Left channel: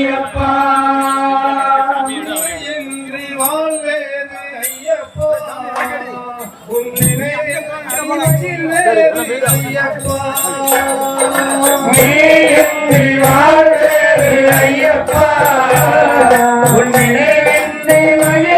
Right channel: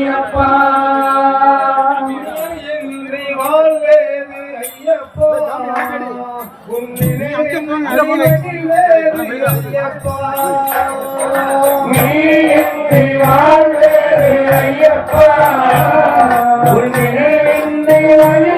ஐயப்பா. இன்றி வாழ்வேது ஐயப்பா. உன்னினை அறிவேது ஐயப்பா. நீ வாழ்வேது ஐயப்பா. உன்னினை வாழ்வேது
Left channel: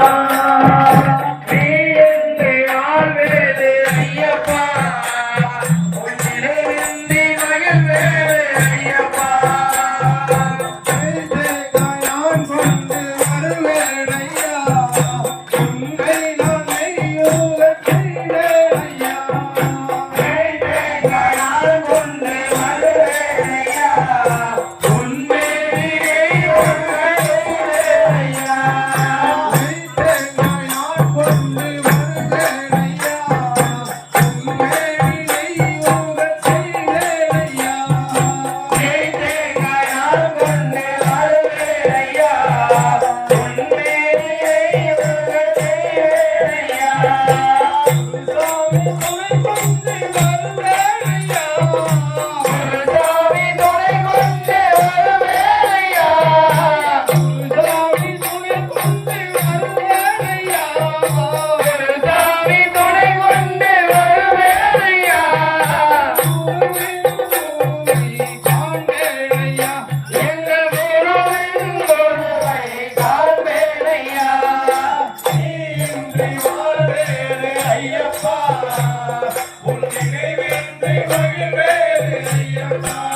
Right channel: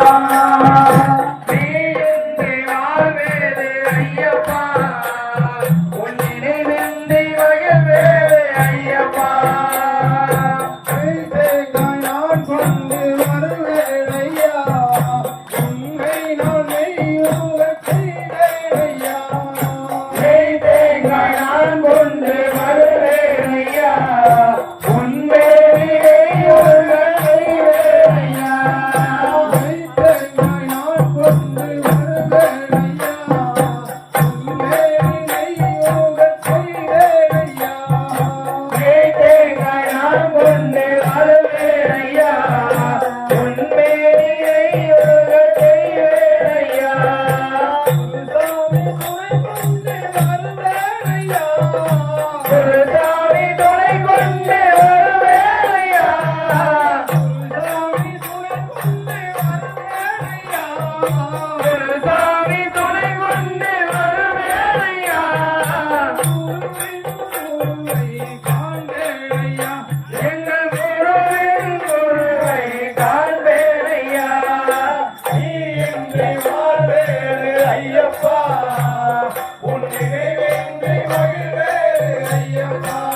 Bye.